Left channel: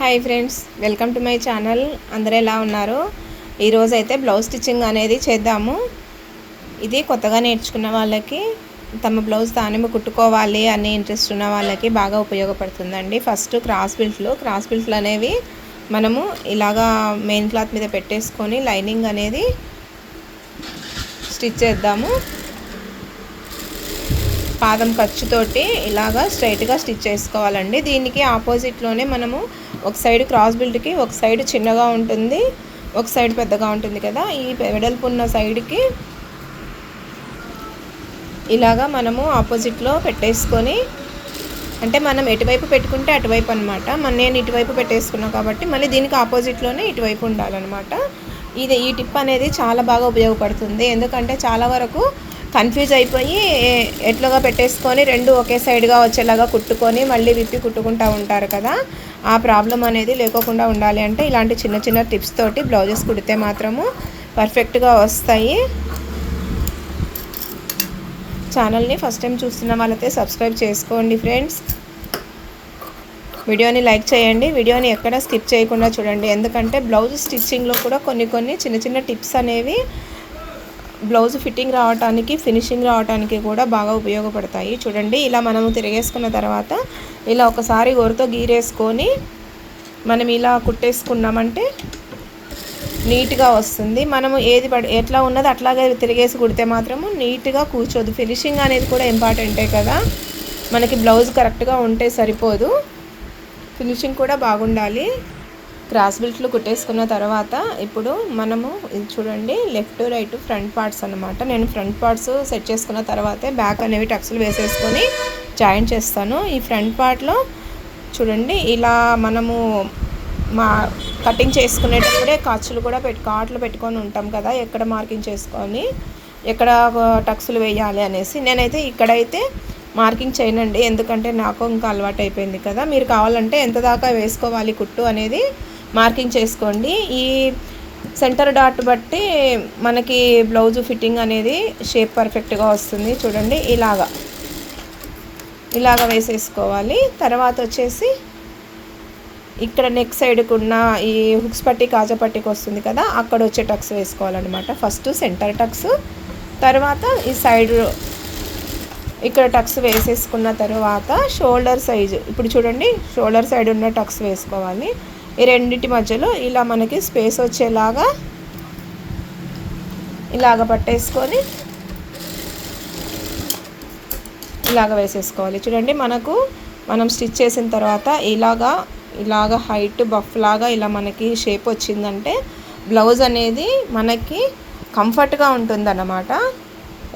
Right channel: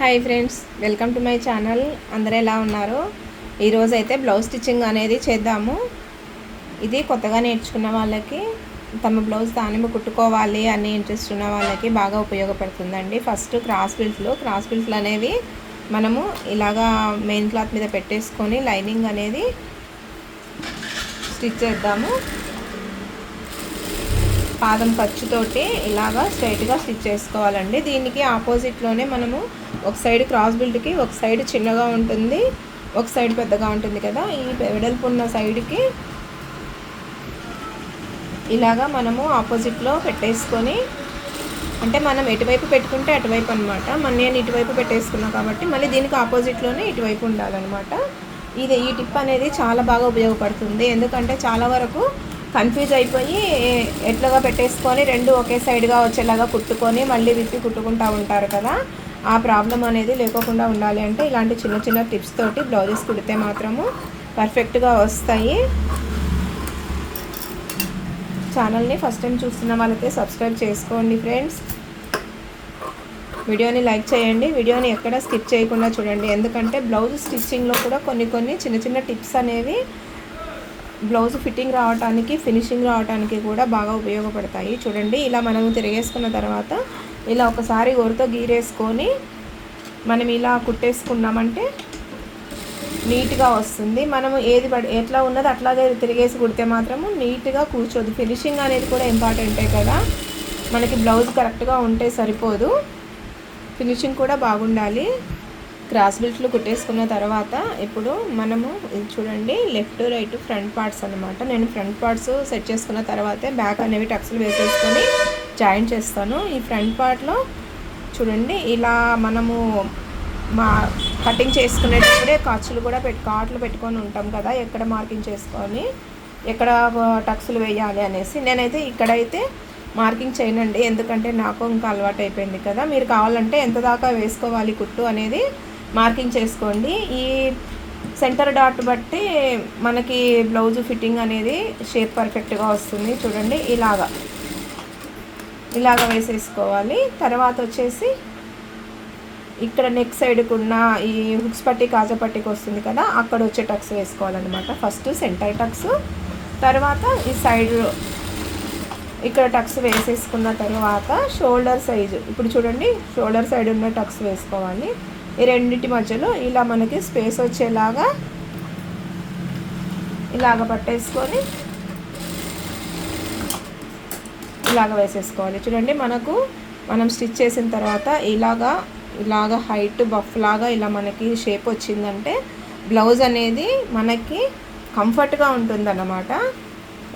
Hi friends, welcome to my channel. అందరూ ఎలా ఉన్నారు? ఈరోజు అయితే బ్లౌజ్ స్టిచ్చింగ్ అనేది చేద్దాము. ఇది కొత్తగా నేర్చుకున్న వాళ్ళకి, తమ బ్లౌజ్ తానే కుట్టుకోవాలి అనే ఇంట్రెస్ట్ ఉన్న వాళ్ళకి బాగా ఉపయోగపడుతుందండి. ఫస్ట్ క్రాస్ బిల్ట్లు అనేవి మనము ఇలాగా మెయిన్ క్లాత్ మీద పెట్టేసుకొని లైనింగ్ అనేది స్టిచ్ చేద్దాము. పాదం ఖర్చుతోటి ఇలాగా స్ట్రైట్గా స్టిచ్ చేసుకోవాలండి. దీనికి ఆపోజిట్లోనే మనము ఒక సైడ్ క్రాస్ బిల్ట్కి ఒక సైడ్ చిన్నగా ఉంటుంది, ఒక సైడ్ పెద్దగా ఉంటుంది కదా. ఈ వెడల్పు ఉన్న సైడ్కి ఇలాగా మనము ఆపోజిట్లో పెట్టేసుకొని, అంటే మనం ఎటువైపు పెట్టుకుంటే అటువైపు అనమాట. నేను ఇటువైపు పెట్టేసుకున్నాను కాబట్టి మళ్ళీ దీనికి ఆపోజిట్లోనే ఇటువైపు ఉండాలన్నమాట. ఈ టిప్ అనేది చాలా బాగా ఉపయోగపడుతుంది. ఎందుకంటే చాలా వరకు కన్ఫ్యూజ్ అయిపోయి ఎట్లుగా పెట్టేసుకొని రెండు ఒకే సైడ్గా వచ్చేలాగా కుట్టుకొని మళ్ళీ విప్పి కుట్టుకుంటూ ఉంటారు కదా. ఆ ప్రాబ్లం అనేది లేకోకుండా ఉండాలి అంటే ఇలాంటి చిన్న చిన్న టిప్స్ తోటి బ్లౌజెస్ కుడితే మాత్రము పర్ఫెక్ట్గా వస్తాయి. ఛానల్ని ఫస్ట్ టైం చూస్తున్న వాళ్ళైతే సబ్స్క్రైబ్ చేసుకోండి ఫ్రెండ్స్. వీడియోని లైక్ చేయండి. వీడియోని ఎక్కడ స్కిప్ చేయకుండా చూడండి. ఎందుకంటే బ్లౌజ్ స్టిచ్చింగ్లో కూడా కొన్ని చిన్న చిన్న టిప్స్ అనేవి బ్లౌజ్ ఫిట్టింగ్ రావడానికి, ఫినిషింగ్ రావడానికి కూడా బాగా ఉపయోగపడతాయి. చూడండి, ఇలా మనము తిరిగేసుకున్న తర్వాత ఇలా ఒకసారి గోరుతో గీరేసుకొని మనం ఇలా కుట్టేసుకున్నామంటే నీట్గా వస్తుంది. మనము ఎట్లా ఉన్నది అట్లాగే తిరిగేసి కుడితే మాత్రము నీట్గా కూర్చోదు. ఫినిషింగ్ అనేది కూడా ఇంపార్టెంటే కదా. మనకి బ్లౌజ్ కరెక్ట్గా ఉంటే సరిపోదు, ఫినిషింగ్ కూడా బాగుండాలి. క్రాస్ బిల్ట్లు కుట్టేసుకున్న తర్వాత ఇప్పుడు మనము ఇది చూడండి, లెఫ్ట్ రైట్ ఫ్రంట్ పార్ట్స్ అనమాట. నేను ఫ్రంట్ పార్ట్స్ సెట్ చేసుకున్న తర్వాతే బ్యాక్ అనేవి టక్స్లు వేసేసుకొని జాయిన్ చేస్తాను. ఈ ఫ్రంట్ పార్ట్లో చూడండి, ఇలా మనము కటింగ్ చేసుకునేటప్పుడే కాట్లు పెట్టుకొని ఉంటాం కదా, ఎక్కడ మార్కింగ్ చేసుకొని ఎక్కడ టక్స్లు వేయాలి అనేసి. నేనైతే ఇక్కడైతే మార్కింగ్ చేయనండి, ఎందుకంటే నాకు ఇంకా అలవాటు అయిపోయింది కదా. మీరు కావాలంటే ఎంత దాకా వేసుకోవాలి కుట్టు అనేది మార్కింగ్ చేసుకోండి. ఈ సెంటర్ డాట్ బట్టి మనకి బ్లౌజ్ ఫిట్టింగ్ అనేది షేప్ పర్ఫెక్ట్గా వస్తుంది. చూడండి, ఇలాగ వేసేసుకోవాలి. తర్వాత వచ్చేసి ఇక్కడ నెక్ సైడ్కి ఉన్న ఈ హుక్స్ పట్టి కాజా పట్టికి వస్తుంది కదా, అక్కడ వచ్చే టక్స్ వేసుకోవాలన్నమాట. ఫస్ట్ సెంటర్ టక్స్, తర్వాత ఈ సైడ్ ఇక్కడ టక్స్ వేసేసుకున్న తర్వాత షోల్డర్ సైజు, ఇప్పుడు చూడండి షోల్డర్ సైడ్ ఉన్న టక్స్ వేసుకోవాలి. ఈ రెండింటి మధ్యలో ఇలా మనకి స్పేస్ వచ్చేలాగా ఇలాగ పట్టేసుకొని ఇలాగ వేసేసుకోవాలి. చూడండి, మనం స్టిచ్ చేసిన తర్వాత ఇలాగ హైట్ బఫ్ లాగా ఇలా మనకి షేప్ వచ్చిందంటే బ్లౌజ్ అనేది మనకి కంఫర్ట్గా ఉంటుందన్నమాట.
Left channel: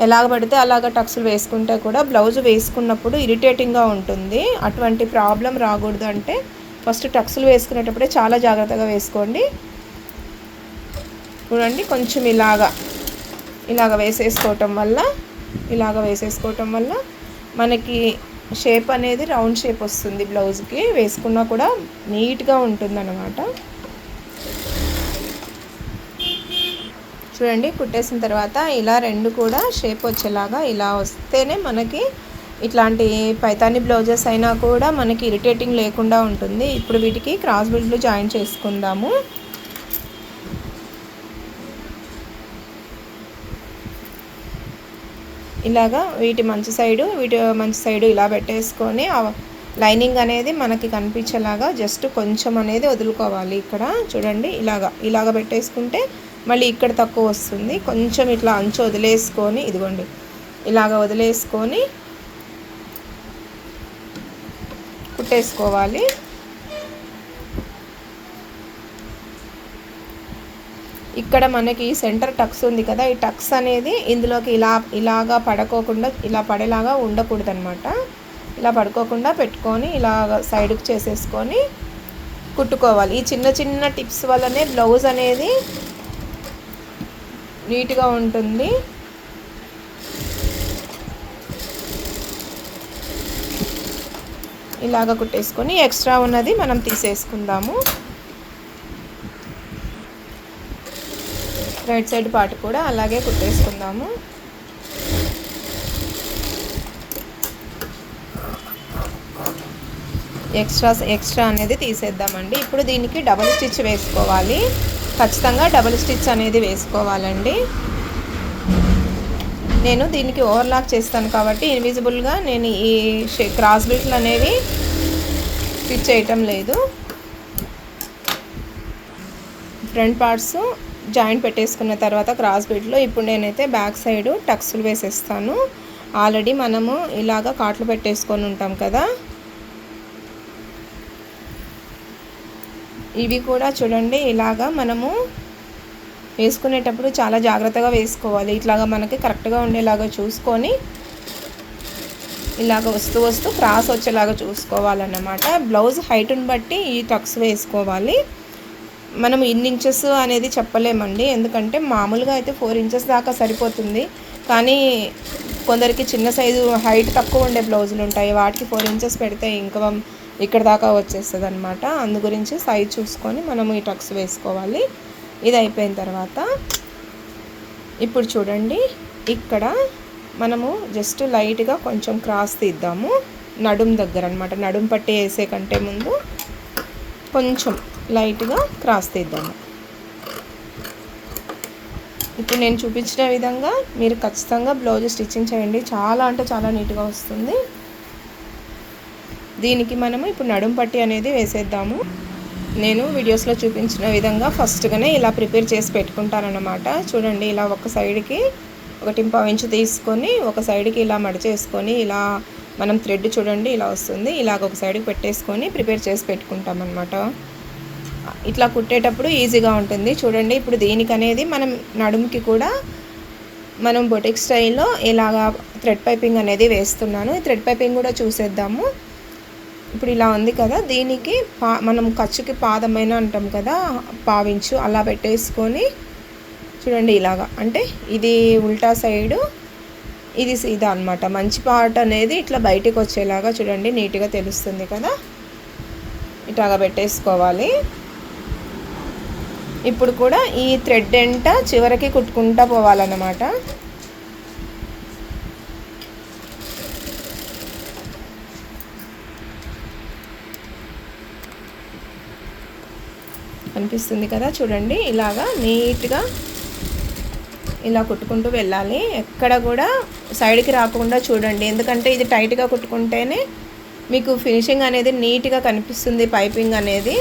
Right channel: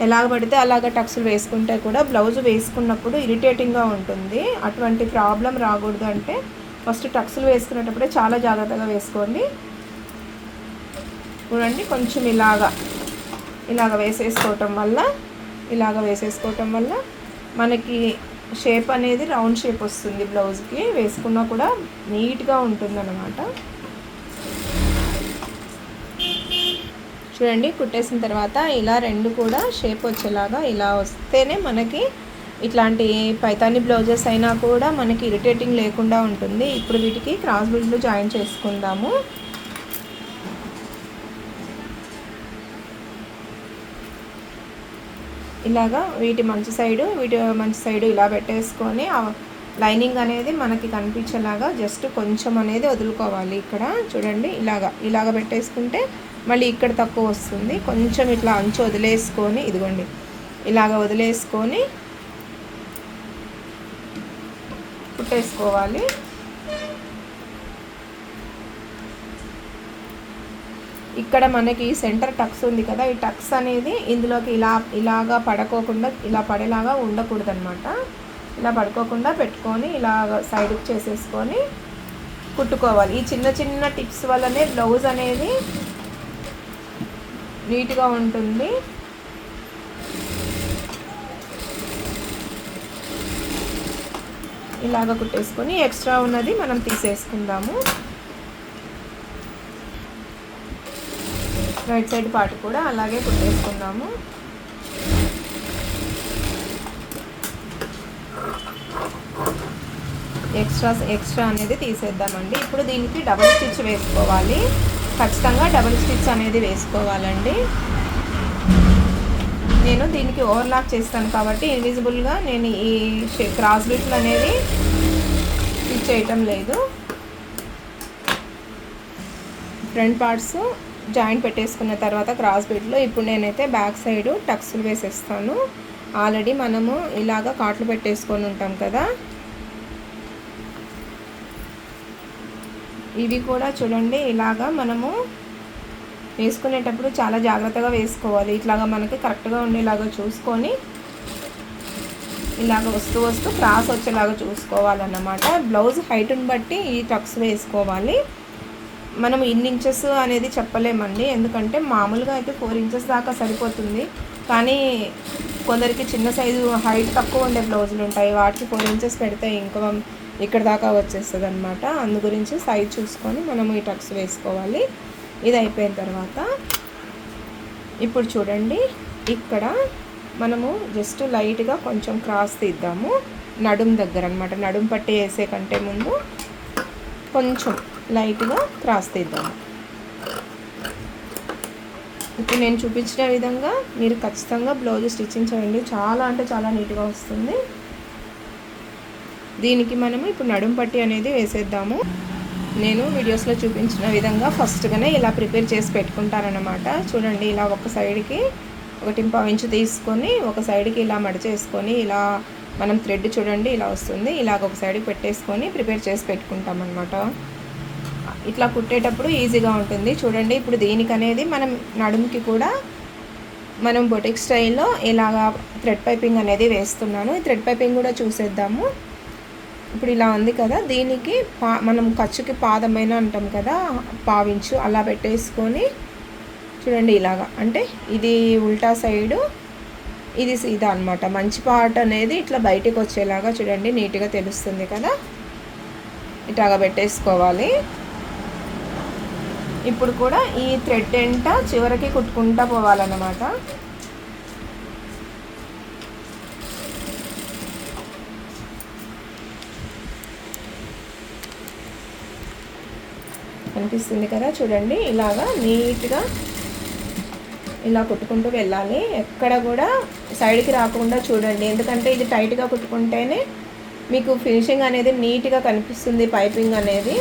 ఎలాగ పడితే అలాగ టక్స్లు వేసుకుంటే కూడా బ్లౌజ్ వేసుకున్నప్పుడు ఇరిటేటింగ్గా ఉంటుంది. అటువంటి ప్రాబ్లం రాకూడదు అంటే ఫస్ట్ టక్స్లు వేసుకునేటప్పుడే చాలా జాగ్రత్తగా వేసుకోండి. చూడండి, కొంచెం ఇలాగ వేసేసుకోవటం వల్ల మనకి షేప్ అనేది రౌండ్ షేప్ వస్తుంది. బ్లౌజ్కి వేసుకున్నా కూడా నీట్గా ఉంటుందన్నమాట. చూడండి, కుట్టేసిన తర్వాత ఇలా రెండు కూడా షేప్ వచ్చేలాగా ఇలా వస్తేనే మనకి ఇట్లాంటి పైతాని బ్లౌజెస్ అయినా కూడా మనకి ఇరిటేటింగ్ లేకుండా ఉంటుంది. ఇప్పుడు వీటికి క్రాస్ బిల్ట్లు జాయిన్ చేసుకుందాము. ఇలాగా వీటి మంచి సైడు ఇలా పెట్టేసుకొని లైనింగ్ అనేది మనకి కనిపించేలాగా జస్ట్ కొంచెం అనేది వదులుకోవాలి. ఇక్కడ చూడండి, ఇలాగ పెట్టేసుకుంటే మళ్ళీ ఇక్కడ తక్కువ వస్తుంది. కొంచెం ఇట్లా అంచు వదిలేసుకొని, ఇదిగోండి ఇలాగ వదిలేసుకొని కుట్టేసుకోవాలి. ఇక్కడ మనకి సెంటర్ టక్స్ ఉంది కదా, ఈ టక్స్ అనేది ఇందులోకి ఇలాగా పడుకోకుండా ఇలా పడేలాగా ఉండకూడదు అనమాట. ఇలా పడుకోకుండా పెట్టుకొని ఇలాగ సైడ్కి చేసేసుకొని కుట్టుకోవాలి. ఈ చిన్న టిప్స్ వల్లనే బ్లౌజ్ అనేది నీట్గా ఉంటుంది. ఇలాగ కుట్టేసుకొని ఎక్స్ట్రా ఉన్నది మనం తీసేసుకుందాము. రైట్ సైడ్ పార్ట్ కూడా అలాగే కుట్టేసుకుందాము. ఎక్స్ట్రా అనేది తీసేద్దామండి. ఇప్పుడు దీనికి డబుల్ స్టిచ్ వేసుకోవాలి, ఖచ్చితంగా డబుల్ స్టిచ్ అనేది వేసుకోవాలండి. నేను దీనికి ఓవర్లాక్ చేస్తాను కాబట్టి ఇన్విజిబుల్గా నేను ఈ క్రాస్ బీట్లు అనేవి స్టిచ్ చేయటం లేదు. ఫ్రంట్ పార్ట్స్ జాయింట్ పెట్టేసుకున్న తర్వాత క్రాస్ బీట్లో ఇప్పుడు నేనైతే బ్యాక్ సైడ్ టక్స్లు వేసేస్తాను. ఆల్రెడీ మనము ఇలాగా కాట్లు పెట్టేసుకొని ఉంటాం కదా, ఇవి కూడా చూడండి ఇలాగా మనము వేసుకునేటప్పుడు చాలా జాగ్రత్తగా వేసుకోవాలి. ఇట్లాగా మనకి కరెక్ట్గా ఉండేలాగా చూసుకొని ఇలాగ వస్తూ క్రాస్ వచ్చేలాగా చూసుకోవాలన్నమాట. బ్లౌజ్ హైట్ని బట్టి ఈ టక్స్ వేసుకోవాలి. మనం ఇన్ని ఇంచెస్ అనేది చెప్పలేమండి, ఎందుకంటే మామూలుగా అయితే 4 ఇంచెస్ దాకా సరిపోతుంది. కానీ కొందరికి చిన్న సైజు హైట్ తక్కువ ఉండే బ్లౌజులు ఉంటాయి, వాటికి 4 ఇంచెస్ పెడితే ఇంకా ఇక్కడ దాకా వచ్చేస్తుంది అనమాట. అందు గురించి సైజ్ చూసుకొని మనము ఈ టక్స్ వేసుకోవాలి. ఇది అయిపోయిన తర్వాత ఇప్పుడు చూడండి ఇక్కడ మనము జస్ట్ లైట్గా కొంచెం క్రాస్ తీద్దాము నడుం దగ్గర అనమాట. నడుం పట్టి వేసే కంటే ముందు కొంచెం లైట్గా క్రాస్ తీద్దాము. ఇప్పుడు నేను చూపించిన విధంగా మీరు ఖచ్చితంగా బ్లౌజ్ స్టిచ్చింగ్ చేయండి, చాలా అంటే చాలా నీట్గా వస్తుంది. దీనికి మనము ఇప్పుడు నడుం పట్టి అనేది వేసేద్దాము. నేను వీడియోస్లో చూపించిన విధంగా ఫస్ట్గానే ఇలా ప్రిపేర్ చేసి పెట్టుకుంటానన్నమాట. చూడండి ఇలా ఒక సైడ్కి 1.5 ఇంచు తీసుకొని ఒక సైడ్కి ఇలా మడిచేసుకొని ఇలా మనం థ్రెడ్ చూడండి ఇలా వస్తుంది, ఇలాగ ఒక సైడ్కి పెట్టేసుకొని ప్రిపేర్ చేసి పెట్టుకుంటామన్నమాట. ఇట్లా కుట్టేటప్పుడు ఈజీగా ఉంటుంది. చూడండి ఇప్పుడు దీనికి అనేది మనం నడుముకి కూడా మనం బొటిక్ స్టైల్లో ఇలాగా థ్రెడ్ పైపింగ్ అనేది వేస్తున్నాను. ఈ థ్రెడ్ పైపింగ్ కూడా చూసేద్దాము. ఇప్పుడు ఇలా ఉంది కదా, దీనికి మనం ఖర్చుకి పాదమైన అంటాం కదా, పావించు అలా పెట్టేసుకొని చూడండి ఇలాగా, అంటే ఇది ఉల్టా సైడు ఇది సీదా అనమాట. మంచి పార్ట్ అనేది ఇట్లా బయటికి వచ్చేలాగా చూడండి నీట్గా తెలుస్తుంది కదా, ఇట్లాగా పెట్టేసుకోవాలి. ఇప్పుడు కూడా ఈ థ్రెడ్ ఎంట చివరికి కుట్టుకుంటా పోవాలన్నమాట. కనిపిస్తుంది కదా చూడండి, ఇలాగా నీట్గా ఇలా కుట్టుకుంటూ వెళ్ళాలి. ఎక్కడ కూడా సైడ్కి రాకుండా చూడండి, ఎందుకంటే ఇది టైట్గా కుట్టుకుంటేనే మీకు ఫినిషింగ్ అనేది నీట్గా కనిపిస్తుంది, పైపింగ్ అనేది.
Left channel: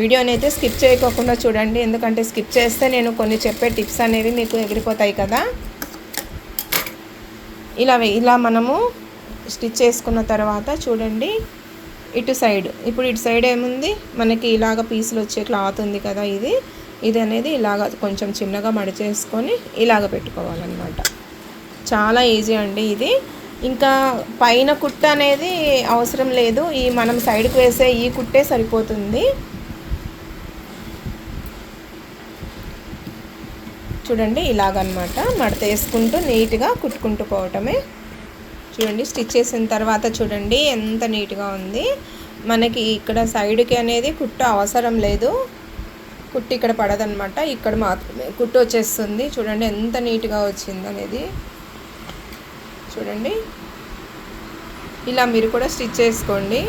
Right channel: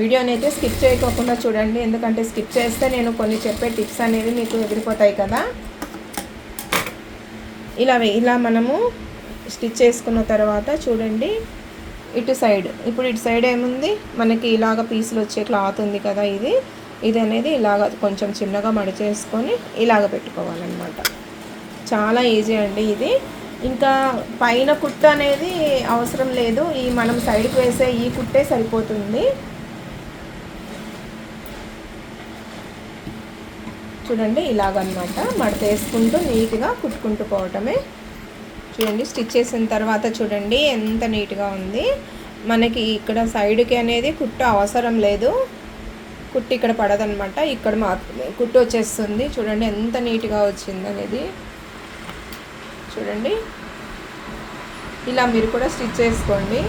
వీడియోని అయితే స్కిప్ చేయకోకుండా చూడండి, ఎందుకంటే స్కిప్ చేస్తే నేను కొన్ని చెప్పే టిప్స్ అనేవి మీకు ఎగిరిపోతాయి కదా. ఇలా మనము స్టిచ్ చేసుకున్న తర్వాత చూడండి ఇటు సైడ్, ఇప్పుడు ఇటు సైడ్ ఏముంది మనకి ఇలాగ పీసులు వచ్చే క్లాత్ ఉంది కదా, ఇది అనేది ఇలాగ కొంచెం చిన్నగా మడిచేసుకొని ఇలాగ పెట్టుకోవాలన్నమాట. చాలా ఈజీ అండి ఇది. ఇంకా పైన కుట్ట అనేది అవసరం లేదు, ఈ మనం సైడ్కి వేసే ఈ కుట్టే సరిపోతుంది. చూడండి ఇలాగనమాట మడత వేసుకుంటూ నీట్గా కుట్టుకుంటూ పోవటమే. చూడండి స్టిచ్ చేసిన తర్వాత చూడండి ఎంత నీట్గా ఉంది. మనకి ఇక్కడ సైడ్కి అనేది కుట్టు అవసరం లేదు, కుట్టు ఇక్కడ పడదనమాట, ఇక్కడ మాత్రమే కుట్టు వచ్చేస్తుంది. చూడండి ఎంత నీట్గా వచ్చింది అనేది. చూడండి ఇలా మీరు కూడా స్టిచ్ చేసుకోండి.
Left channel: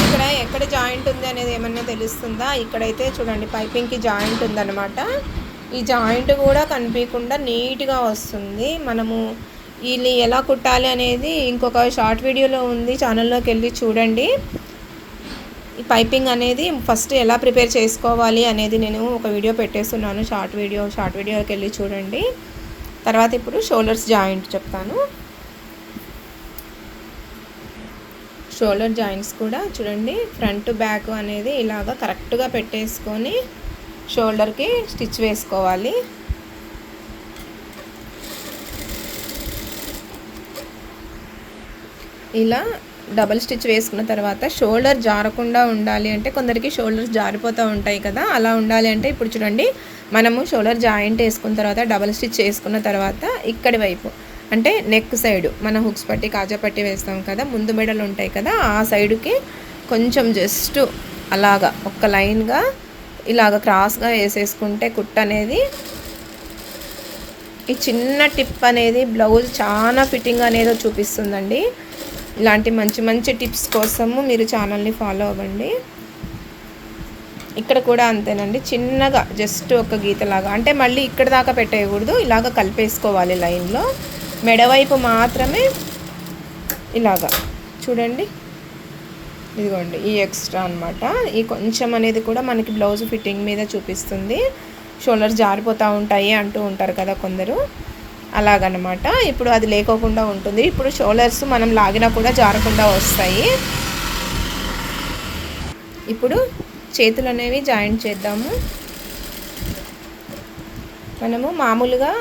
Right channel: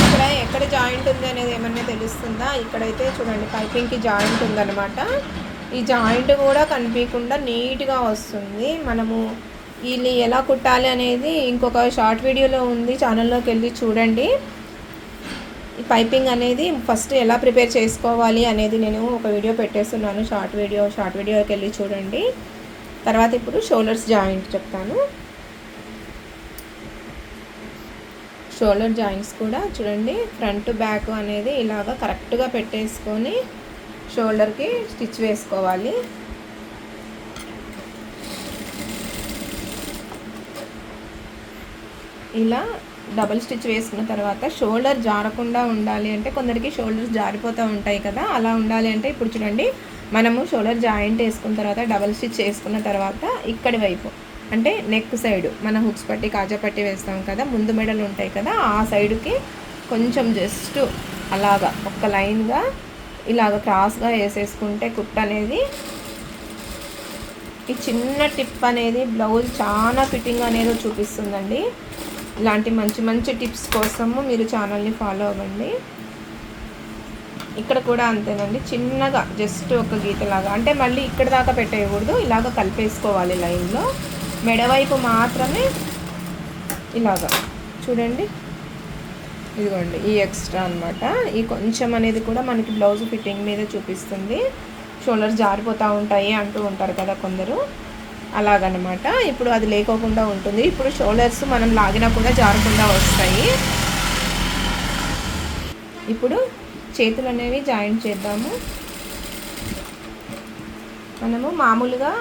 ఇక్కడ ఎక్కడ జాయింట్ ఉంది అనేది ఏమన్నా తెలుస్తుందా? ఇక్కడైతే చూడండి పైపింగ్కి జాయింట్ ఉందన్నమాట. ఈ జాయింట్ కూడా కనిపించకుండా నీట్గా వస్తుంది. మనము ఇది ఎలా కుట్టాలి అనేది ఇంకొక షార్ట్ వీడియోలో ఉంది, ఛానల్లోకి వెళ్ళి చూడండి. ఈ పైపింగ్ అనేది ఫస్ట్ ఎలా ప్రిపేర్ చేసుకోవాలి అనేది నేను ఒక వీడియో పెట్టేస్తున్నాను, షార్ట్ వీడియోకి వెళ్ళి చూడండి. తర్వాత ఇప్పుడు షోల్డర్స్ జాయింట్ చెప్తాను. షోల్డర్ జాయింట్స్ కూడా చూడండి ఫ్రంట్ బ్యాక్ అనేది ఇలాగ కరెక్ట్గా పెట్టేసుకొని షోల్డర్కి స్టిచ్ వేసుకోవాలి. ఇలా డబల్ స్టిచ్ వేసుకున్న తర్వాత షోల్డర్ జారకుండా ఉండాలి అంటే, కొందరికి షోల్డర్స్ జారిపోతూ ఉంటాయి కదా, అలా ఉండాలి అంటే ఇప్పుడు చూడండి మనము షోల్డర్ జాయింట్ వేసుకున్న తర్వాత డబల్ స్టిచ్ వేసుకున్న తర్వాత ఇక్కడి వైపు అంటే నెక్ సైడ్ మనం హుక్స్ పట్టి కాజా పట్టి వేస్తాం కదా, ముందు మెడలు ఉంటాయి కదా, ఆ సైడుకి కొంచెం జస్ట్ అలాగా ఒక లైన్గా ఇలాగ క్రాస్గా వేసేసుకుంటే కుట్ట అనేది ఈ చిన్న టిప్ అనేది బ్లౌజ్ చాలా ఫిట్టింగ్ అనేది చూపిస్తుందండి. ఇలాంటి మంచి మంచి టిప్స్ కోసము మీరు ఛానల్ని ఫాలో అవ్వండి. ఇక్కడ కూడా అంతేనండి, చిన్నగా జస్ట్ ఒక గీతలాగా, అంటే మళ్ళీ ఇక్కడ దాకా పెట్టేయకూడదు, ఇలాగ కలిపేసుకోవాలి లైన్లో. మెడవైపు మాత్రమే ఇలాగా చూడండి, ఇదిగోండి ఈ ఎక్స్ట్రా అనమాట. ఈ కొంచెం అనేది కూడా మనకి బ్లౌజ్ ఫిట్టింగ్ మీద చూపిస్తుంది. షోల్డర్స్ జారిపోతూ ఉంటాయి అంటూ ఉంటారు కదా కొందరు, అలాగనమాట. ఇప్పుడు అది లేకోకుండా ఉంటుంది. ఇప్పుడు షోల్డర్స్ మనం లాగినా కూడా జారకుండా వస్తాయి. ఇప్పుడు చేతులు అనేవి జాయింట్ చేద్దాము. మనము మామూలుగా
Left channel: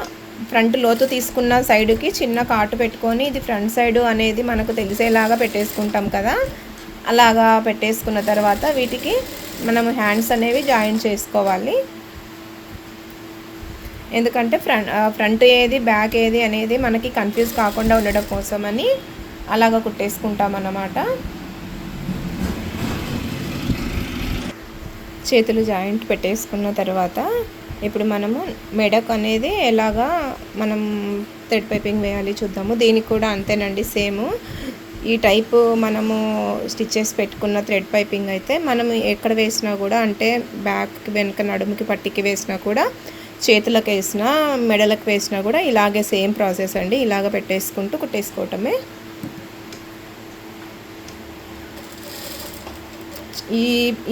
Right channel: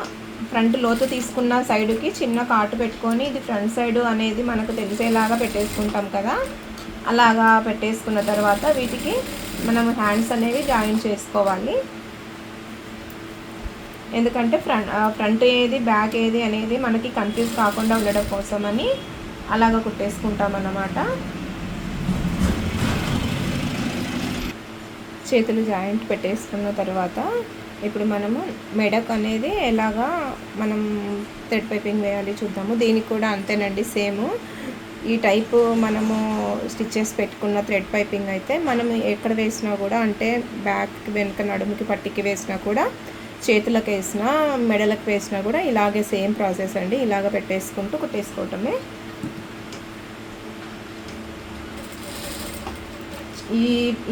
ఫ్రంట్ లోతు తీసుకున్న సైడ్కి చిన్న కాటు పెట్టుకొని, ఇది ఫ్రంట్ సైడ్ అనేది మనకు తెలిసేలాగా పెట్టేసుకుంటాం కదా, అలాగా పెట్టేసుకున్న తర్వాత వీటికి మనము హ్యాండ్స్ అనేవి జాయిన్ చేసుకోవాలి. ఎందుకంటే ఫ్రంట్ ఏది బ్యాక్ ఏది అనేది మనకి కన్ఫ్యూజ్ కాకుండా ఉండడం కోసమని అలాగ కుట్టేసుకుంటాం అన్నమాట. చేతులు జాయింట్ పెట్టేసుకున్న తర్వాత ఇప్పుడు మనము మెడక్ అనేది ఎలాగా మనం థ్రెడ్ పైపింగ్ వేయాలి చూద్దాము. దీనికి కూడా అంతేనండి, సేమ్ ఈ టైపు మనము స్టిచ్చెస్ పెట్టుకున్న థ్రెడ్ పైపింగ్ అయితే మనం ఎక్కడ వేసినా కూడా, అంటే బ్యాక్కి వెనుక నడుముకి పట్టికి వేసినా కూడా, చేతులకు వేసినా మెడలకు వేసినా కూడా ఇలాగే సేమ్ ప్రాసెస్ అండి. ఇలాగ పెట్టేసుకుంటూ కుట్టేసుకోవటమే.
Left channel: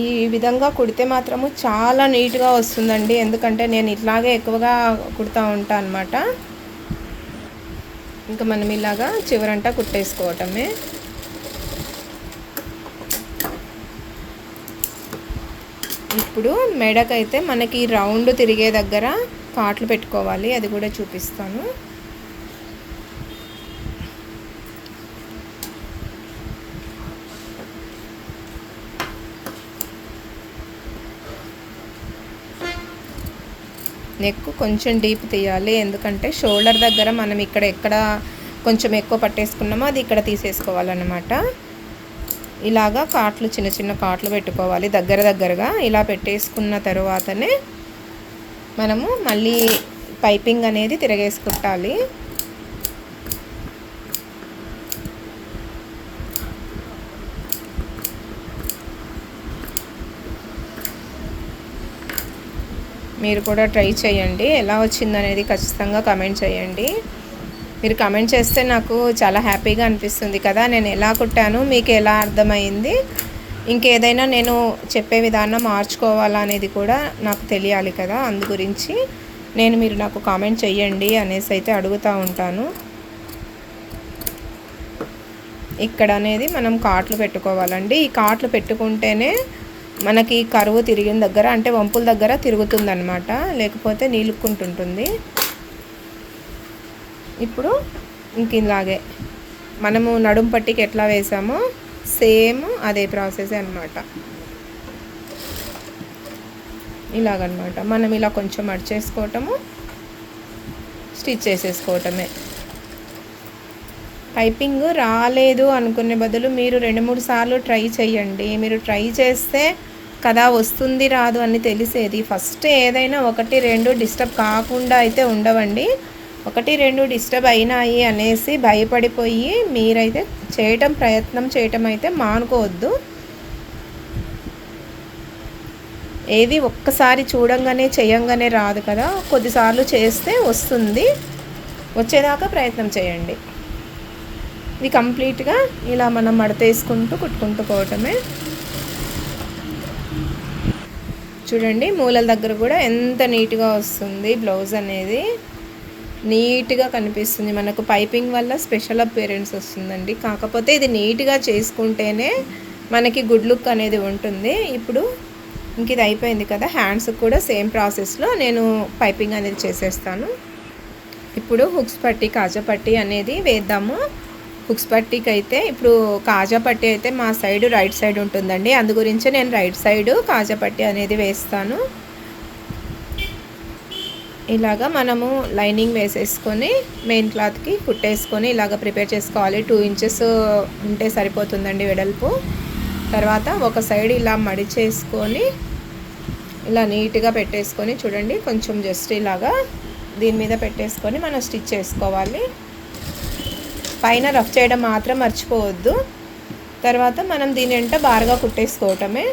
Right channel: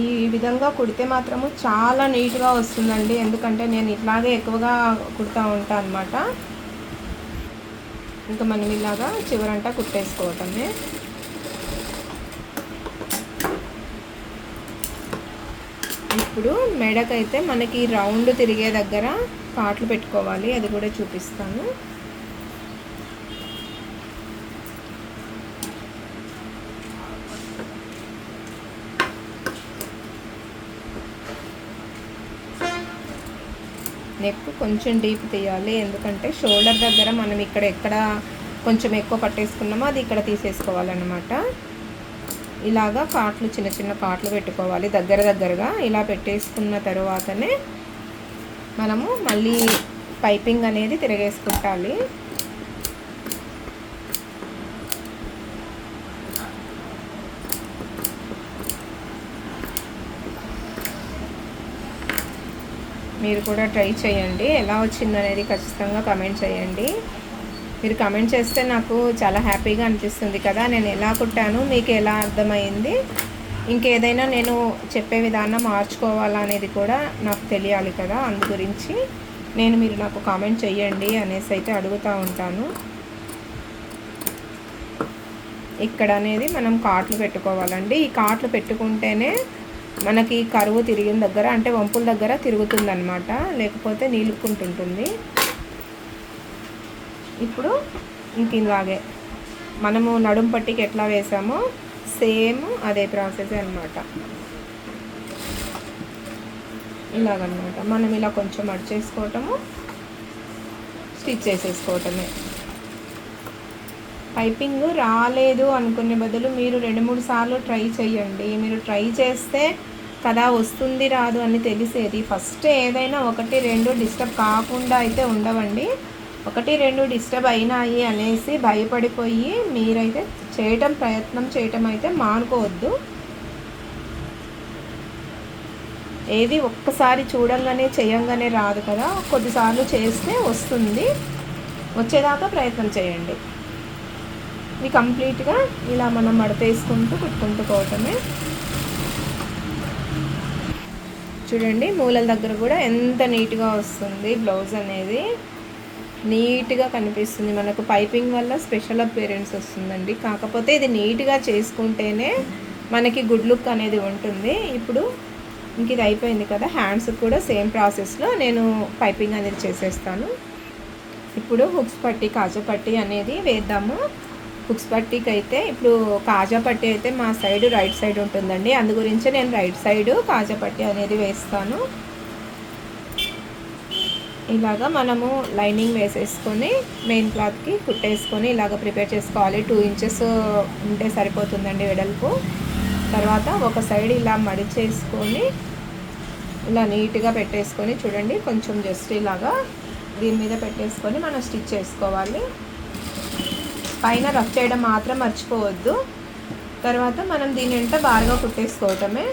ఈ విధంగా కుడితే మాత్రము చాలా నీట్గా వస్తుందండి. ఎందుకంటే నేను ఇట్లాగే ఎక్కువగా కుడతా ఉంటాను అనమాట. ఇంకా మనం ఇలాగా చివరంతా కుట్టేసుకోవటమే. ఇప్పుడు మెడకైతే మనకి రౌండ్ తిరిగే దగ్గర కాట్లు పెట్టుకోవాలి, అది కూడా చూపిస్తాను. నెక్ కొంచెం డీప్ తీయాలి, ఎందుకంటే షోల్డర్ దగ్గర మనం ఎక్కడ కొంచెం ఎక్కువ పట్టేసుకున్నామో అది ఇక్కడ తీసేసుకోవాలన్నమాట. ఇలాగా కాట్లు చిన్న చిన్న కాట్లు పెట్టుకోవాలి దగ్గరగా. ఇలా పెట్టేసుకున్న తర్వాతనే మనము మళ్ళీ పైపింగ్ అనేది తిరగేసుకుంటాలి. మీరు కూడా ట్రై చేయండి, ఎలా వచ్చిందనేది ఖచ్చితంగా కమెంట్ చేయండి. మీరు కమెంట్ చేస్తే నాకు చాలా హ్యాపీగా అనిపిస్తుంది కదా, నేను ఎలా కుట్టాను, మీకు ఎలా అర్థమైంది, ఇంకేదైనా నేను చెప్పే విధానం మార్చుకోవాలా అనేది కూడా నాకు తెలియాలి కదా. అందు గురించి మీరు నాకు కామెంట్ చేయండి అనేసి అయితే అడుగుతూ ఉంటాను. ఇక్కడ అనేది మనం కాట్లు పెట్టుకోవాలండి. ఈ కాట్లు పెట్టుకుంటేనే మనకి కరువు తిరిగిన దగ్గర, అంటే వంపుల దగ్గర తిరుగుతుందన్నమాట, లేకపోతే నీలుక్కుంటుంటుంది. ఇప్పుడు ఇంక ఇలాగే మనము నడుము పట్టికి ఎట్లా వేసామో సేమ్ అదే ప్రాసెస్ అన్నమాట. ఇలాగనమాట మనం ఇలా కొంచెం అడ్చేసుకోవటము, స్టిచ్ చేసేసుకోవటమే. పైపింగ్ రాలేదు అనుకునే బదులు మీరు 2-3 సార్లు ట్రై చేయండి. మీరు ట్రై చేస్తే కదా వస్తుంది రాదు అని తెలిసేది. ఫస్ట్ ఏదైనా 1-2 డిస్టర్బ్ కాకుండా అయితే ఉండవండి. 1-2 డిస్టర్బ్ అయినాయి అనేసి భయపడిపోయి మీరైతే ప్రయత్నం చేయటం అయితే మానుకోవద్దు. ఏది ఒక్కసారి చూడంగానే చేయంగానే రాదు కదా, కొద్దిసార్లు చేస్తే వస్తుంది. వచ్చేదాకా ప్రయత్నం చేయండి. ఇది కంప్లీట్గా ఇలా మనం మడతేసుకుంటూ కుట్టుకుంటూ పోవటమే. చూడండి మూలల దగ్గర కూడా ఎంత నీట్గా వస్తుంది బ్లౌజ్ అనేది, నీట్గా కనిపిస్తుంది. మనకు పైపింగ్ వల్ల స్పెషల్ అపియరెన్స్ వస్తుందండి. కాకపోతే ఇది నీట్గా చేసుకుంటేనే మనకి గుడ్ లుక్ అనేది ఉంటుంది. ఇప్పుడు ఇంక ఇది అయిపోయింది కదా, హ్యాండ్స్ కూడా సేమ్ ప్రాసెస్లో నేను పైపింగ్ అనేది చేసేస్తాను. ఇప్పుడు హుక్స్ పట్టి కాజా పట్టి అనేది వేద్దాము. హుక్స్ పట్టీకి అయితే ఇప్పుడు కాజా పట్టి అయితే మా సైడ్ రైట్ సైడ్ ఉంటుందండి, అందు గురించి నేను రైట్ సైడ్ కాజా పట్టి అనేది వేస్తాను. ఇలాగా మనము లైనింగ్ వేసేసుకొని మెయిన్ క్లాత్కి కుట్టేసుకొని ఇలాగ ప్రిపేర్ చేసుకోవాలి. 2 ఇంచెస్ ఉంటే సరిపోతుందండి వెడల్పు. తర్వాత ఒక సైడ్ ఇలా మడిచేసుకొని ఇలా నీట్గా పెట్టేసుకొని చూడండి కొంచెం జస్ట్ ఇలాగా దీని మీద పెట్టేసుకొని మనం స్టిచ్ చేసుకోవాలి. పైన రఫ్ చేయడం మాత్రం మర్చిపోవద్దు. తర్వాత మనం దీని వెంట బారుగా కుట్టేసుకోవటమే.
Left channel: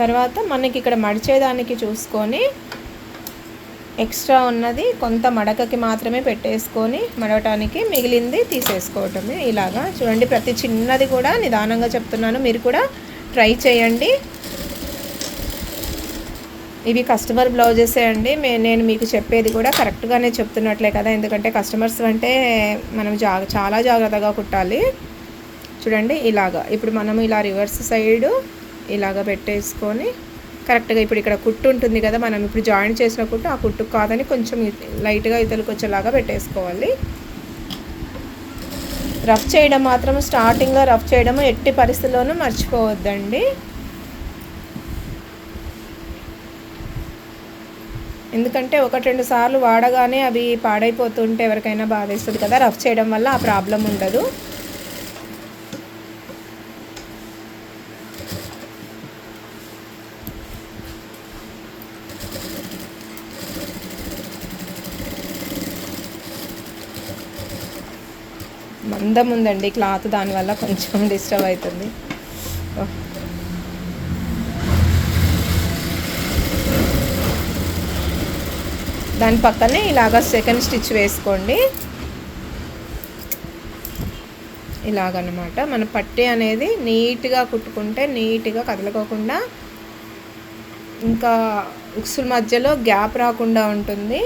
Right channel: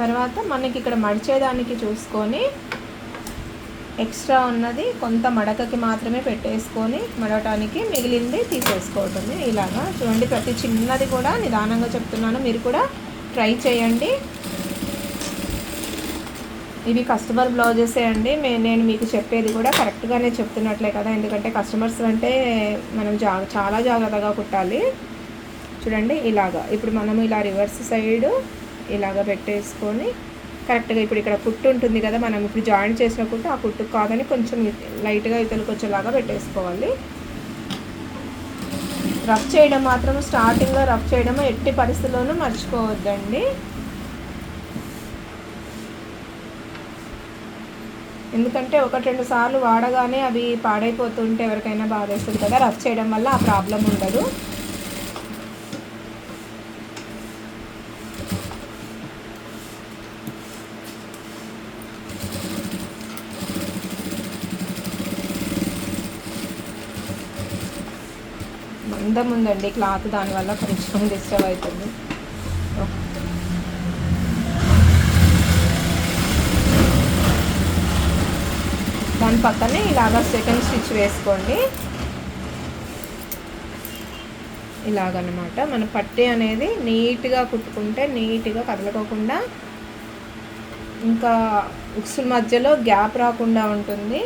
తర్వాత మనకి ఇక్కడ మడిచేదానికి చూసుకొని ఎక్స్ట్రా ఉన్నది కొంత మడకకి మాత్రమే పెట్టేసుకొని మడవటానికి మిగిలింది తీసేసుకోవటమే. ఇలాగా చూడండి, ప్రతి చిన్నది కూడా నిదానంగా చెప్తున్నాను, మీరు కూడా ట్రై చేయండి. ఇవి కస్టమర్ బ్లౌజెసే అండి. నేను మీకు చెప్పేది కూడా కరెక్ట్గానే చెప్తున్నట్లే కదా, ఎందుకంటే కస్టమర్స్ అంటే మనం చాలా జాగ్రత్తగా కుట్టాలి. చూడండి ఇలాగా. ఇప్పుడు మనము ఇలా రివర్స్ సైడు ఇలాగ పెట్టేసుకొని కరెక్ట్గా ఇప్పుడు ఇక్కడ కుట్టు ఉంటుంది కదా, మనం ఇప్పుడు జాయిన్ చేసిన కుట్టు ఆ కుట్టు కాదని కొంచెం లైట్గా ఇతలకు వచ్చేలాగా పెట్టేసుకోవాలి. రఫ్ చేయడం మాత్రం స్టార్టింగ్లో రఫ్ చేయడం ఎట్టి పరిస్థితుల్లోనూ మర్చిపోవద్దండి. ఎందుకంటే 1-2 సార్లు వాడగానే అవి పాడైపోతుంటే ఎవరికైనా బాధేస్తుంది కదా, రఫ్ చేయడం వల్ల ఆ ప్రాబ్లం ఉండదు. మందం ఉందండి క్లాత్, దానివల్ల కొంచెం డిస్టర్బ్ అవుతుంది. దాని పక్కనే ఇలాగ సెకండ్ స్టిచ్ వేసుకోండి. ఇలాగనమాట మన పట్టీ అనేది నీట్గా కుట్టుకుంటే నీట్గా కదలకోకుండా, ఇంకా ఉక్సుల మధ్యలో గ్యాప్ రాకుండా ఉంటుంది.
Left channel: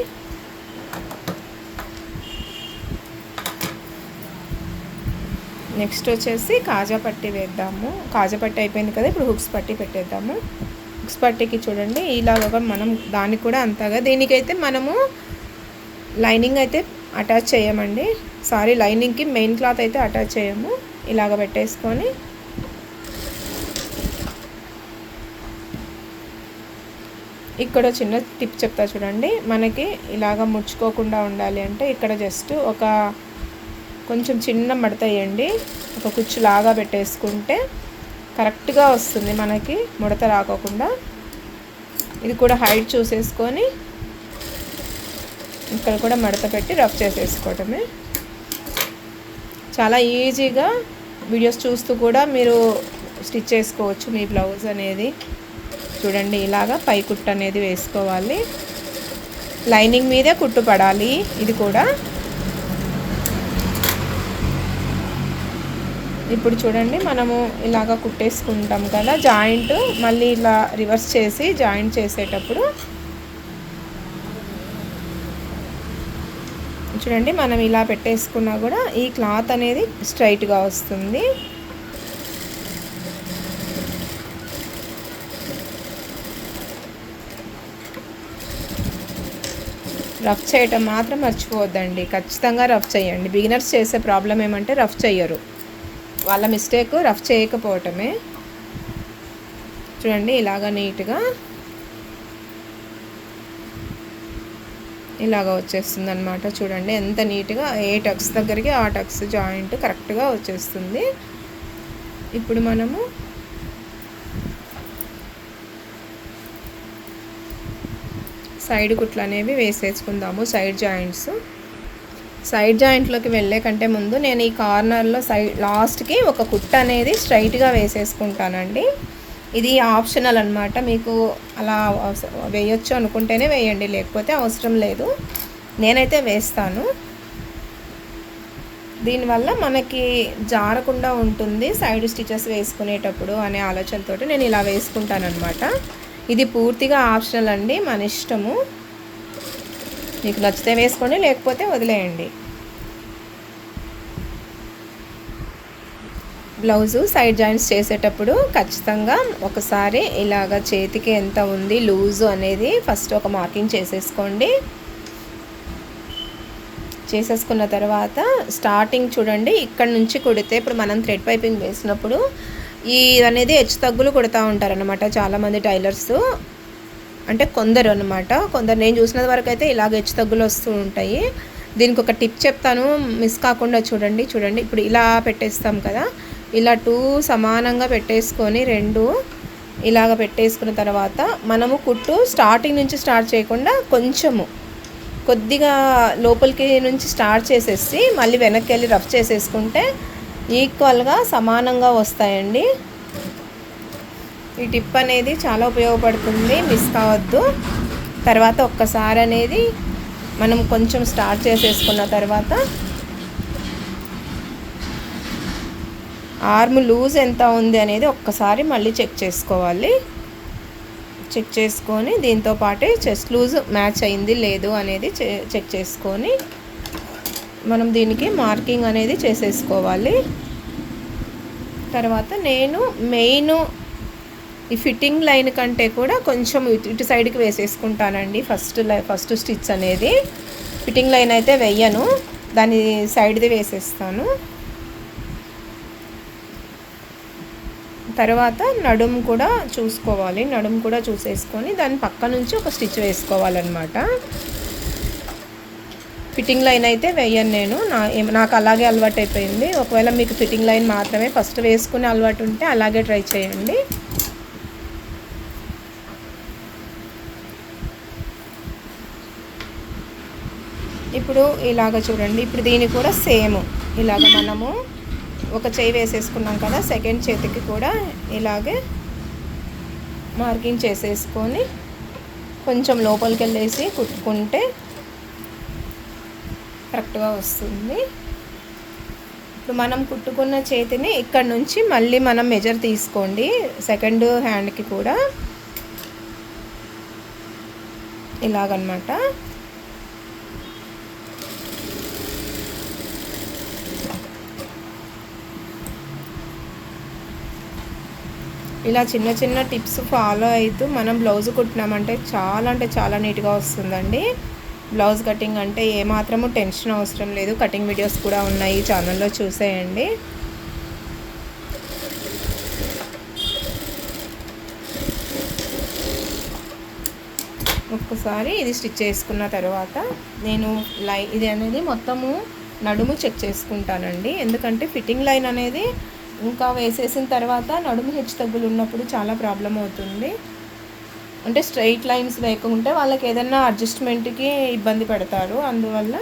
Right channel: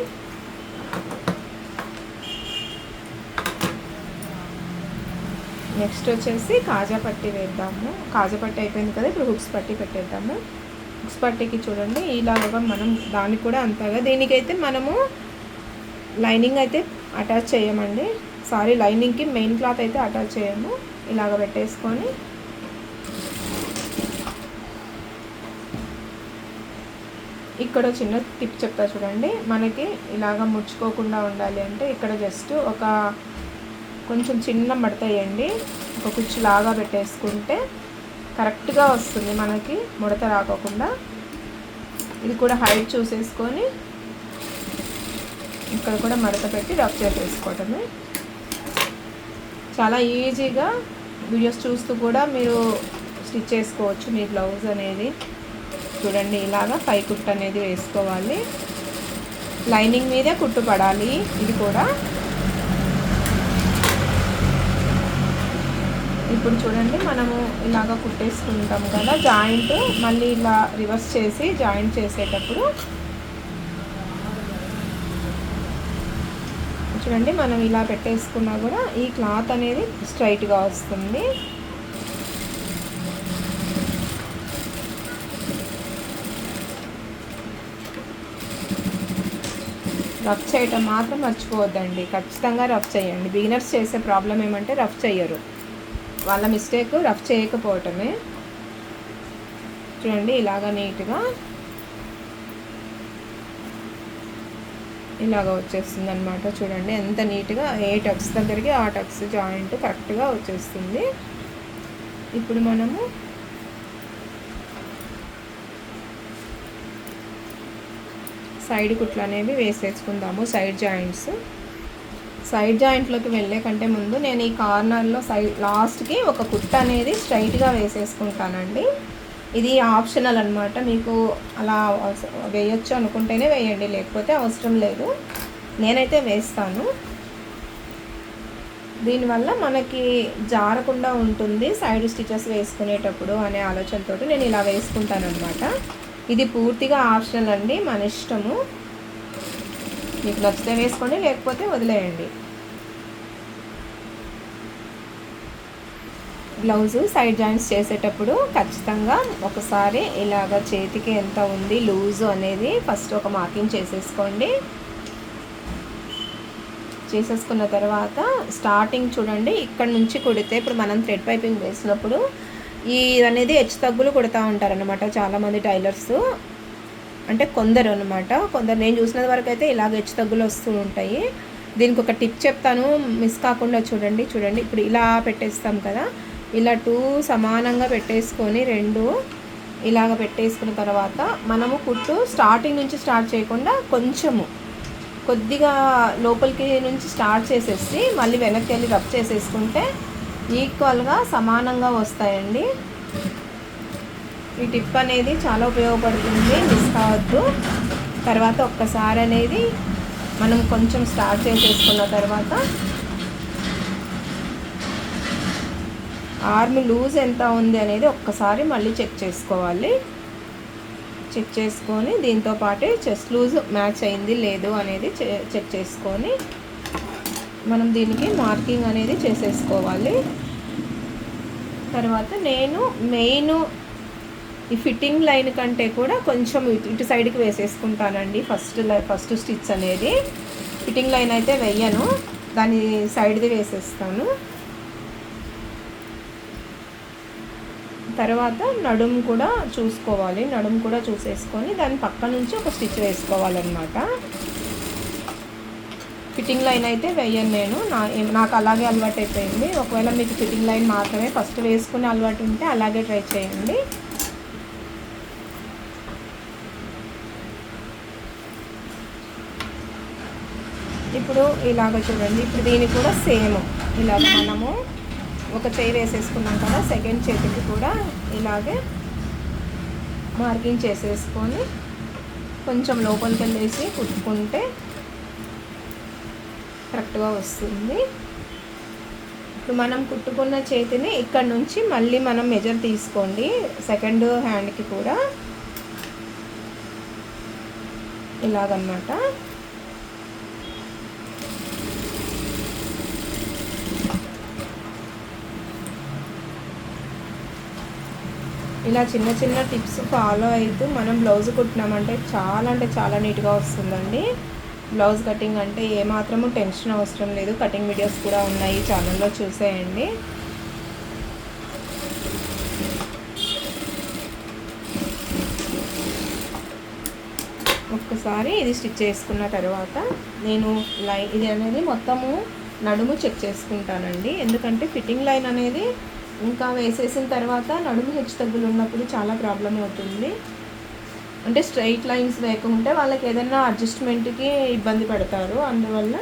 నెక్స్ట్ వచ్చేసి కాజా పట్టీ వేద్దాము. కాజా పట్టీ అయిపోయింది కదా, ఇప్పుడు హుక్స్ పట్టీ పెట్టేద్దాము. హుక్స్ పట్టీకి చూడండి ఇలాగ మనం దానికి కూడా అంతగా, దీనికైతే మనము లైనింగ్ అయితే అటాచ్ చేయమండి, లైనింగ్కి మెయిన్ క్లాత్ అయితే అటాచ్ చేయము. ఇలాగ పెట్టేసుకొని ఇక్కడ చిన్న టిప్ చెప్తా చూడండి. మనకి ఇలాగ ముడుచుకోకుండా ఉండాలి అంటే ఇక్కడ జస్ట్ ఒక కొంచెం చిన్న మడత వేయండి, ఒక కుచ్చులాగా పెట్టేసుకుంటే కరెక్ట్గా వస్తుంది మనకి, ముడత రాకోకుండా. ఇది కూడా హైట్ చూసేసుకొని ఇక్కడ కూడా మడత పెట్టి రఫ్ చేసేసుకోవటమే. చాలా ఈజీగా వీడియోస్ చూస్తూ కూడా మీరు స్టిచ్ చేసుకోవచ్చు మీ బ్లౌజ్ అనేది. చూడండి ఇలాగా పై కుట్టు అనేది వేసుకోవాలి, లైనింగ్ మీదే కుట్టు పడాలి. ఇది కూడా ఇప్పుడు చూడండి మనము ఇలాగ కుట్టేసుకుంటాం కదా, జాయింట్ మళ్ళీ ఇలా రివర్స్ చేసి జాయింట్ చేసేటప్పుడు చూడండి మనం ఇలా పెట్టేసుకున్నా కూడా ఈ క్లాత్ అనేది స్ట్రైట్గా వస్తుంది. రఫ్ చేయటం మాత్రం మర్చిపోవద్దండి, ఖచ్చితంగా రఫ్ చేయండి. బిగినర్స్ చేసే ప్రాబ్లం ఏమంటే రఫ్ చేయరు, వాళ్ళ మిస్టేక్ రఫ్ చేయకపోవటమే. చూడండి ఇలాగ నీట్గా ఇలాగ వచ్చేస్తుంది అనమాట. చూడండి ఎంత నీట్గా ఏ టక్స్ దగ్గరికి ఆ టక్స్ జాయింట్ కరెక్ట్గా వచ్చేస్తుంది. ఇప్పుడు మనము సైడ్ కుట్లు అనేవి వేసేసుకుందాము. సైడ్ జాయింట్లోకి వెళ్ళే కంటే ముందు నేను ఈ కార్నర్లో లాస్ట్కి ఒక కుట్ట అనేది స్ట్రైట్గా వేసేసుకుంటానండి. ఇది ఆప్షనల్ అనమాట, మీకు అలా వేయొచ్చు అనుకుంటేనే వేయండి, లేకపోతే అవసరం లేదు. నేనైతే వేస్తాను, దీనివల్ల మనకి జారకుండా ఉంటుంది సైడ్ స్టిచెస్ వేసుకునేటప్పుడు అనే ఆలోచనతో నేను ఇలా వేసుకుంటాను అనమాట. ఇది పూర్తిగా ఆప్షనల్ అండి, మన ఇష్టము. మీకు నచ్చితే వేసుకోండి, లేకపోతే వదిలేయండి. బ్లౌజు సైడ్ జాయింట్స్ చేసేటప్పుడు ఖచ్చితంగా ఒకసారి ఇలాగ చేతికి ఎంత ఉంది లూజు అనేది ఫస్ట్ ఒక మార్కింగ్ చేసేసుకోండి. చేసేసుకున్న తర్వాత స్టార్టింగ్ చూడండి ఇక్కడ నుంచి కుడితే, ఇప్పుడు మనం థ్రెడ్ పైపింగ్ వేసినప్పుడు ఈ అనేది హెచ్చు తగ్గులు కుడతా ఉంటారనమాట చాలామంది టైలర్స్, అంటే కొందరు అనమాట. కొందరు నేను చూసిన వరకు అయితే ఇలాగ హెచ్చు తగ్గులు వస్తూ ఉంటాయి. దీనికి ఒక టిప్ చెప్తాను, మిస్ కాకుండా చూడండి. ఇప్పుడు ఇలా పెట్టేస్తాం కదా, ఇలా 2 సమానంగా పెట్టేసుకొని 2 ఇలాగ పెట్టేసుకున్న తర్వాత మనము కుట్టు స్టార్టింగ్ నుంచి స్టార్ట్ చేయకుండా కొద్దిగా లోపలికి నుంచి స్టార్ట్ చేసేసి మళ్ళీ వెనక్కి వెళ్ళి రఫ్ చేసేసుకుంటే ఈక్వల్గా సమానంగా వస్తాయండి. ఈ టిప్ అనేది చాలా ఉపయోగపడుతుంది, మిస్ కావద్దు. తర్వాత ఒక్కసారి అనేది మనం కొంచెం స్టార్ట్ చేసేసుకున్న తర్వాత ఆర్మ్ లూజ్ ఎంత ఉంది అనేది ఒక్కసారి మళ్ళీ చెక్ చేసుకోవాలి. చెక్ చేసుకొని దీంతో పాటే చెస్ట్ లూజ్ మ్యాచ్ అయింది లేదు అనేది చెక్ చేసుకొని మనం దీనికి మార్కింగ్ అనేది చేసేసుకోవాలి. తర్వాత నేను మెయిన్ ఈ ఫిట్టింగ్ లైన్ కంటే కూడా కొంచెం ఇటు సైడ్కి వేసేసుకుంటానండి. ఫస్ట్ స్టిచ్ అనేది ఫిట్టింగ్ లైన్ అయితే వెయ్యను, దాని సైడ్ది వేసేస్తాను. తర్వాత నడుము కూడా చూసుకోవాలి, నడుము కూడా చూసేసుకొని దాని పక్క నుంచి ఒక స్టిచ్ వేసుకోవాలన్నమాట. ఫిట్టింగ్ లైన్ అయితే వేయను నేను, నాకు అలాగే అలవాటు అయిపోయింది. ఒకవేళ మీకు ఫిట్టింగ్ లైన్ మాత్రమే ఫస్ట్ వేసుకునే అలవాటు ఉంటే అలాగే ట్రై చేయండి. ఇప్పుడు ఇలాగ చూడండి, ఇప్పుడు దీనికి కూడా సేమ్ ఇలాగ మనము ఒక చేయి వేసేసుకున్నాం కదా, సెకండ్ చేతికి కూడా ఇలాగే మార్కింగ్ చేసేసుకొని కొంచెం లోపలికి వెళ్ళేసి కుట్టుకుంటే కరెక్ట్గా వస్తుంది. ఇప్పుడు మనం కుట్టుకున్న చేతిని ఇక్కడ నుంచి మళ్ళీ మనం మెజర్ తీసుకోండి. సెకండ్ హ్యాండ్కి కూడా ఇలాగనమాట. ఇలా చిన్న చిన్న టిప్స్ ఫాలో అవుతూ మనం బ్లౌజ్ కుట్టినామంటే చాలా నీట్గా వస్తుందండి. బ్లౌజ్ కటింగ్ అంటే ఏమాత్రము టెన్షన్ అవసరం లేదు. కటింగ్ వీడియోస్ కూడా ఉన్నాయి ఛానల్లో, చూసేయండి. ఒక్కసారి ఇది స్టిచ్ చేసుకున్న తర్వాత నేను ఇది అనేది మొత్తము నడుము చెక్ చేసుకుంటానండి. ఎందుకంటే ఫిట్టింగ్ లైన్ అనేది ఇంకా వేసేసిన తర్వాత నడుము హెచ్చు తగ్గులు ఉన్నప్పుడు చాలా ప్రాబ్లం అవుతుంది. అంటే స్ట్రైట్ లైన్స్ లేకుంటే వాళ్ళకి ఏదైనా అడ్జస్ట్మెంట్కి ఇబ్బంది పడతారు. అందువల్ల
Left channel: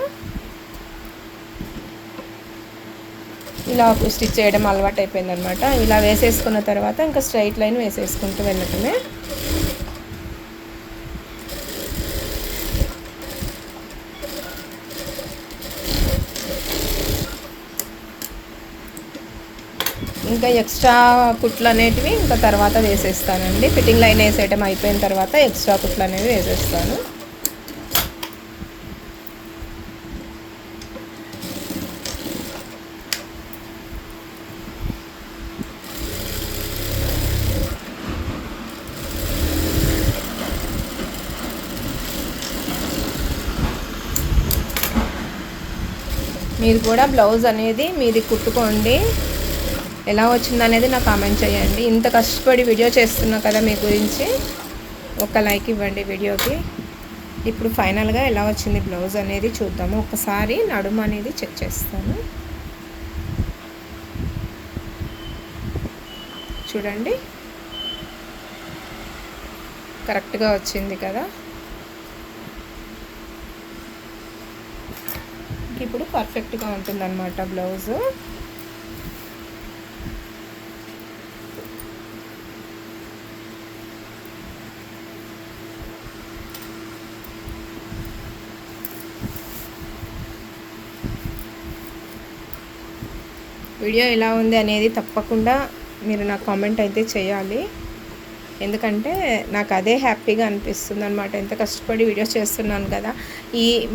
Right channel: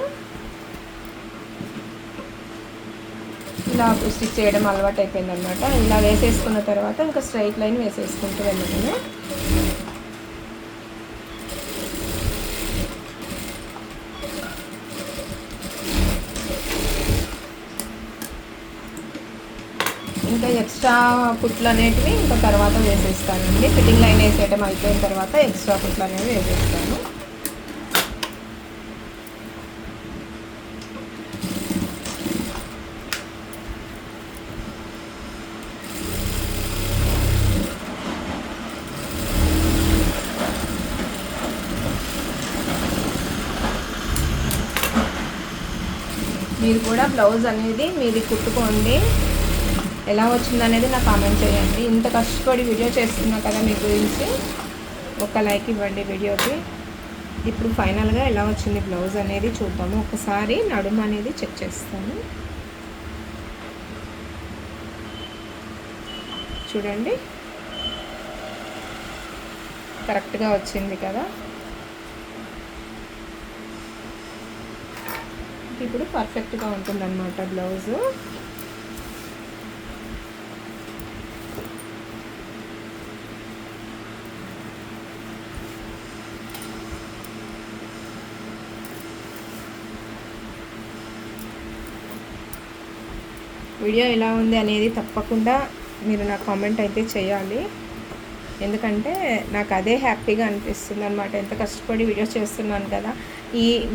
ఇలా స్టిచ్ చేయడం అలవాటు అయిపోయింది అనమాట. ఇలా వేసేసుకున్న తర్వాత ఇంకా స్ట్రైట్ లైన్ వేసేసుకుంటూ వెళ్ళటమే. ఇంకా ఎక్స్ట్రా కుట్లు అనేటివి ఇంకా తర్వాత వేసేస్తానండి. ఫిట్టింగ్ లైన్ వేసేయటం అయిపోయిన తర్వాత ఎక్స్ట్రా కుట్లు అనేవి వేసేస్తాను. మీరు కూడా బ్లౌజ్ అనేది మీది కుట్టుకోండి, ఎలా వచ్చిందనేది నాకు కామెంట్ చేయండి. ఇంత కష్టపడి వీడియో చేస్తున్నా కదా మీ గురించి, ఒక లైక్ ఇవ్వండి వీడియోకి. ఇప్పుడు ఫైనల్గా ఎలా వచ్చింది బ్లౌజ్ అనేది చూద్దాము. ఒకసారి నడుము అనేది చెక్ చేస్తాను. చూడండి, కరెక్ట్గా వచ్చింది కదా. ఇప్పుడు పర్ఫెక్ట్గా ఉంటుందన్నమాట బ్లౌజు. వీడియో ఎలా ఉంది అనేది తప్పకుండా మీరు నాకు కామెంట్ అయితే చేయాలి. ఎందుకంటే నాకు అదే హ్యాపీగా అనిపిస్తుంది అనమాట. ఎంత కష్టపడి వీడియోస్ చేస్తున్నాను కదా.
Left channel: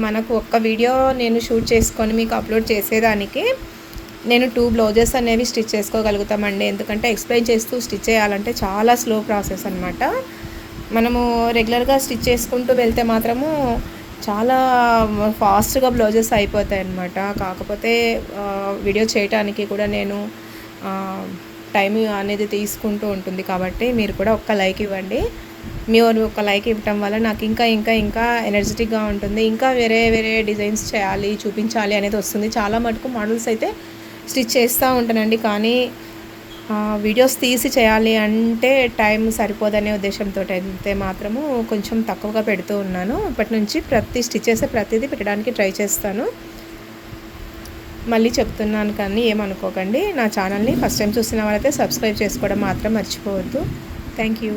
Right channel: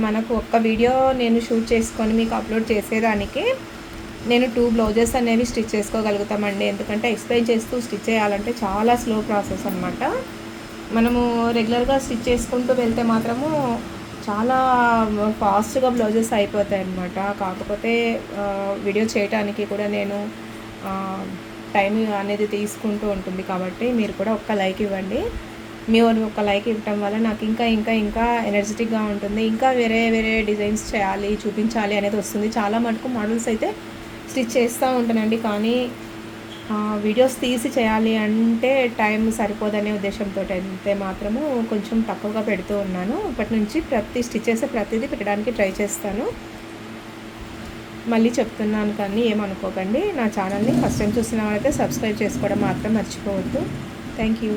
మనకు ఒక్క వీడియో నేను షూట్ చేసుకొని మీకు అప్లోడ్ చేసేదానికి నేను 2 బ్లౌజెస్ అనేవి స్టిచ్ చేసుకోగలుగుతామండి. ఎందుకంటే ఎక్స్ప్లెయిన్ చేస్తూ స్టిచ్ చేయాలంటే చాలా స్లో ప్రాసెస్ అనమాట. మనము రెగ్యులర్గా స్టిచ్ చేసుకుంటూ వెళ్తే మాత్రము చాలా ఫాస్ట్గా బ్లౌజెస్ అయిపోతాయి అన్నమాట. కాకపోతే వీడియో చేయడానికి కూడా నేను టైం అనేది తీసుకుంటూ ఉంటుంది. కాబట్టి మీరు కూడా ఒక్క లైక్ ఇవ్వండి. మీరు ఒక లైక్ ఇవ్వటం వల్ల నాకు ఇంకా ఎనర్జెటిక్గా ఉంటుంది. ఇంకా వేరే డిజైన్స్ చేయాలి, చూపించాలి అనేది వస్తుంది. చాలా మటుకు మోడల్స్ అయితే స్టిచ్ చేస్తూ ఉంటానండి, కానీ వీడియోస్ తీసి చేయాలి అంటే టైం సరిపోదనే ఉద్దేశంతో అయితే మాత్రము కొంచెం తక్కువగా పెడుతూ ఉన్నాను. ఇప్పటి నుంచి స్టిచ్ చేసే ప్రతిదీ పెట్టడానికి ట్రై చేస్తాను. మళ్ళీ చెప్తున్నాను కానీ ఏమనుకోకండి. నా ఛానల్ని ఫస్ట్ టైం చూసిన వాళ్ళైతే సబ్స్క్రైబ్ చేసుకోవడం మాత్రం మర్చిపోవద్దు. Thank you.